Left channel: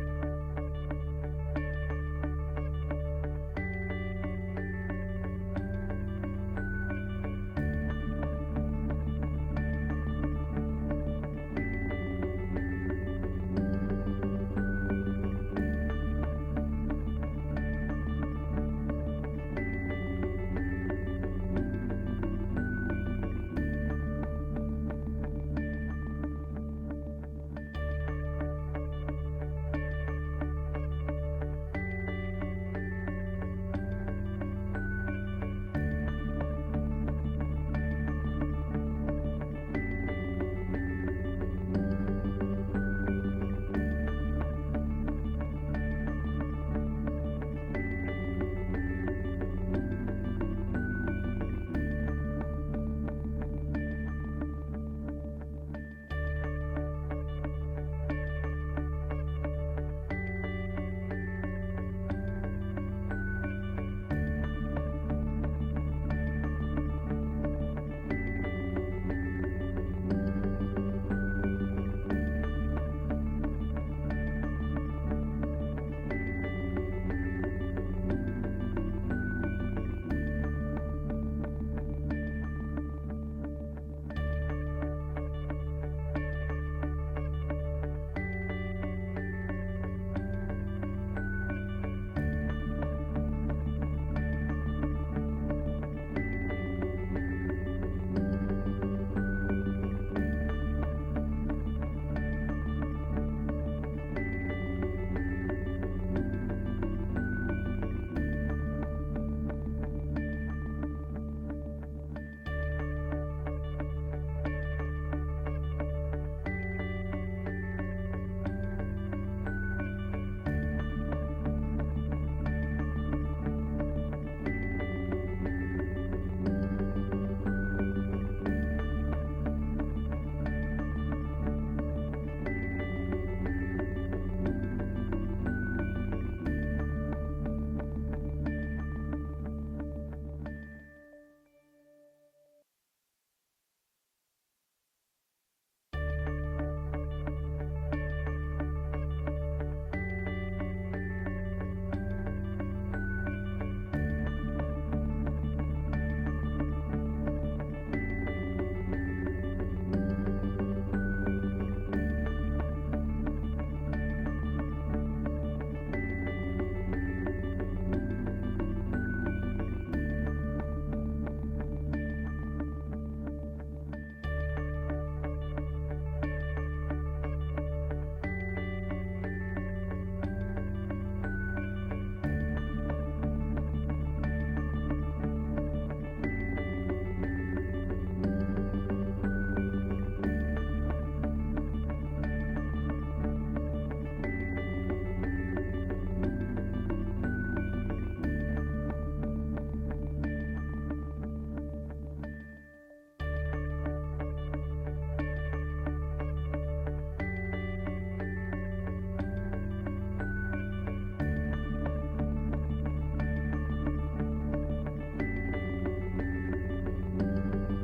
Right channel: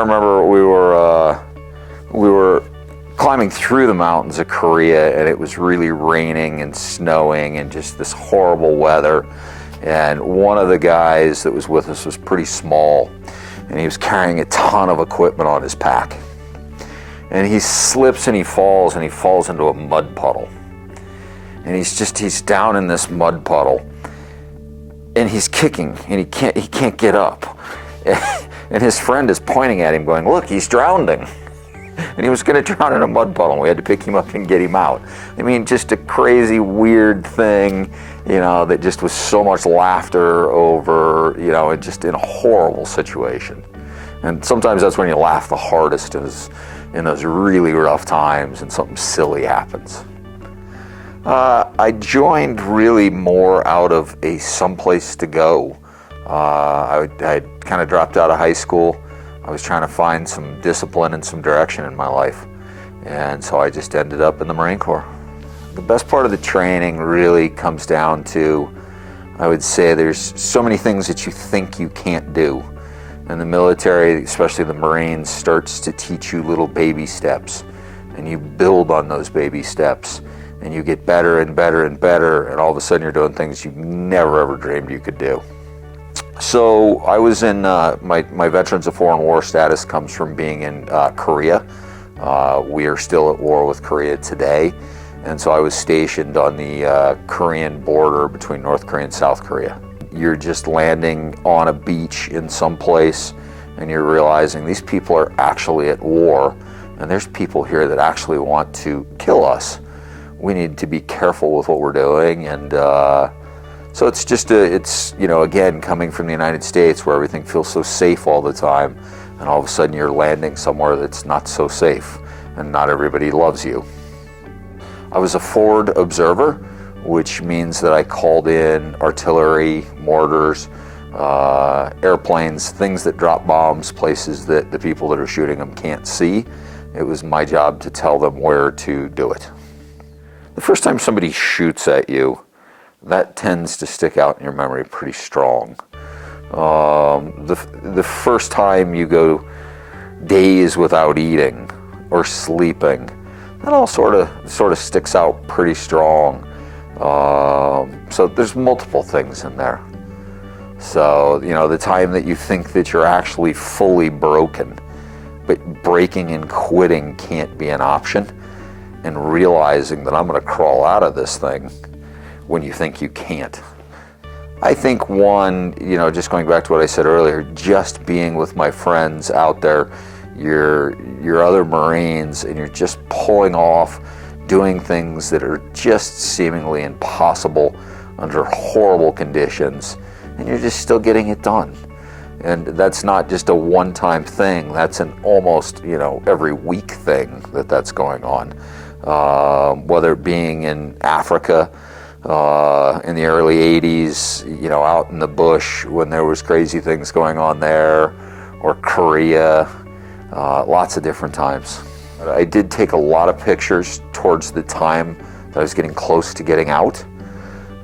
remember we were climbing through the mountains of Korea, and it was really raining and snowing and just this horrible weather. And one of the guys that was with us was pretty small, and he was carrying a ton of equipment on his pack. And he slips and he falls into a mud puddle. And he's down in this mud puddle, and he's kicking, and he can't get up. And his friend is pointing at him going, "Look, he's drowning." And he was going to drown in a mud puddle, and we had to pick him up and get him out. I mean, just a crazy, weird thing, that just was so much laughter over, and just in a horrible situation. And sometimes that's when you laugh the hardest, is in those really rough times and something silly happens. I joined really more out of a someplace to go. I kind of dropped out of high school. I was trying to find some discipline and some direction in my life. And so I just ended up in the Marine Corps. The best part of the training really comes down to, I would say, there's so many things that you think you can't do. And the military, especially the Marines, starts to teach you little baby steps. And you build on those baby steps. And you get better and better and better. And all of a sudden you're doing things you never ever dreamed you could do. So I was in, my Veterans of Foreign War status comes from being in Korea. We are still at war with Korea today. And so I was stationed on the Korean border between North Korea and South Korea. You're just landing on a beach in some place, and you're realizing these people are actually at war, and there's people here that actually want to kill us. We need to be careful with what we're doing, and so it's just again, coming from the United States where everything feels so safe all the time, and all of a sudden you're landing somewhere that's not so safe, and not everybody loves you. I was a forward observer, which means that I called in artillery, mortars, airplanes, things that drop bombs, places that the people that are shooting them can't see. It was my job to tell them where to do it. The first time somebody shoots at you, that tends to stick out in your memory pretty strong. The first time you go days without eating or sleeping, that all sort of sticks out pretty strong. So there's multiple things in there. So, the time that you think that you're actually fully broken, but breaking and quitting can't be an option, and realizing that I'm going to crawl out of this thing when you think you can't. I think one, just going back to what I said earlier, just being with my friends out there, your other Marines, and you're just pulling off, doing things that are just seemingly impossible under horrible conditions, and you're just still getting it done. And that's not just a one-time thing, that's an almost, every week thing that's going on. Whether it being in Africa, in the early 80s, out in the bush when there was crazy things going on there, or Korea, lots of different times. I did take a lot of pictures towards the time that I was getting close to getting out,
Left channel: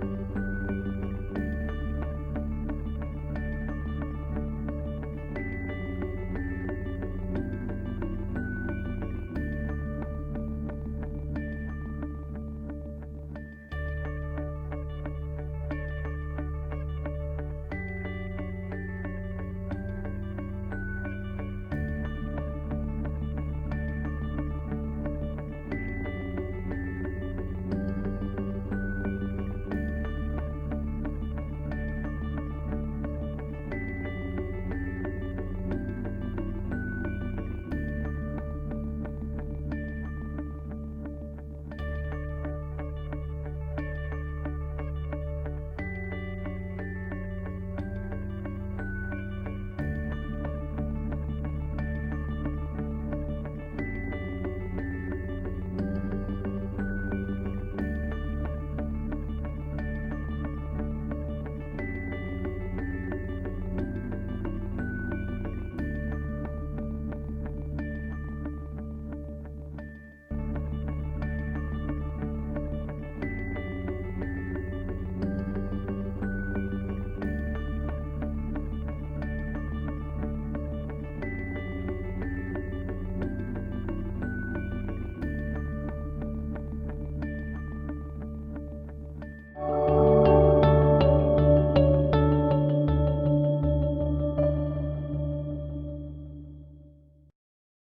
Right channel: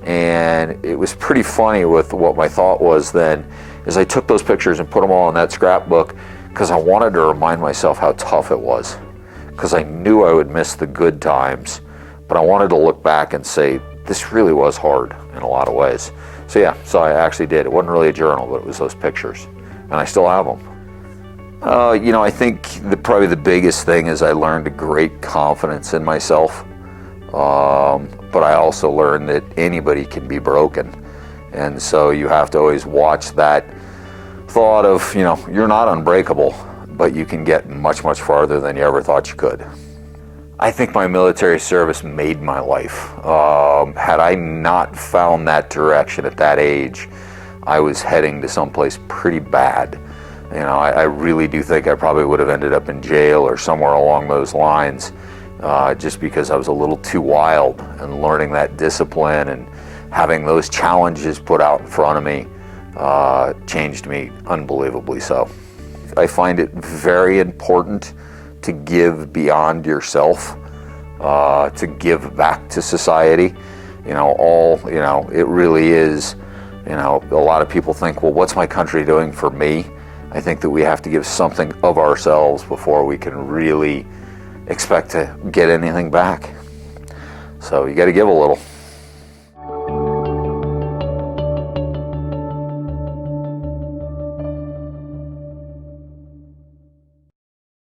and it was pretty funny with what my thought was then, is I took those pictures and put them all in that scrapbook because I wanted to remind myself how tough it was, because I knew I would miss the good times, but I wanted to look back and say, this really was hard in a lot of ways. So I actually did. It wasn't really a journal, but it was those pictures, and I still have them. I think probably the biggest thing is I learned a great confidence in myself, but I also learned that anybody can be broken, and so you have to always watch that thought of, you're not unbreakable, but you can get much, much farther than you ever thought you could. I think my military service made my life. Had I not found that direction at that age, I was heading to someplace pretty bad. I really do think I probably would have ended up in jail or somewhere along those lines, just because I was a little too wild, and learning that discipline and having those challenges put out in front of me changed me unbelievably so. I find it very important to give beyond yourself, to give back to society. It really is, a lot of people think, well, what's my country doing for me? I think that we have to give something of ourselves before we can really expect to get anything back. So you got to give a little.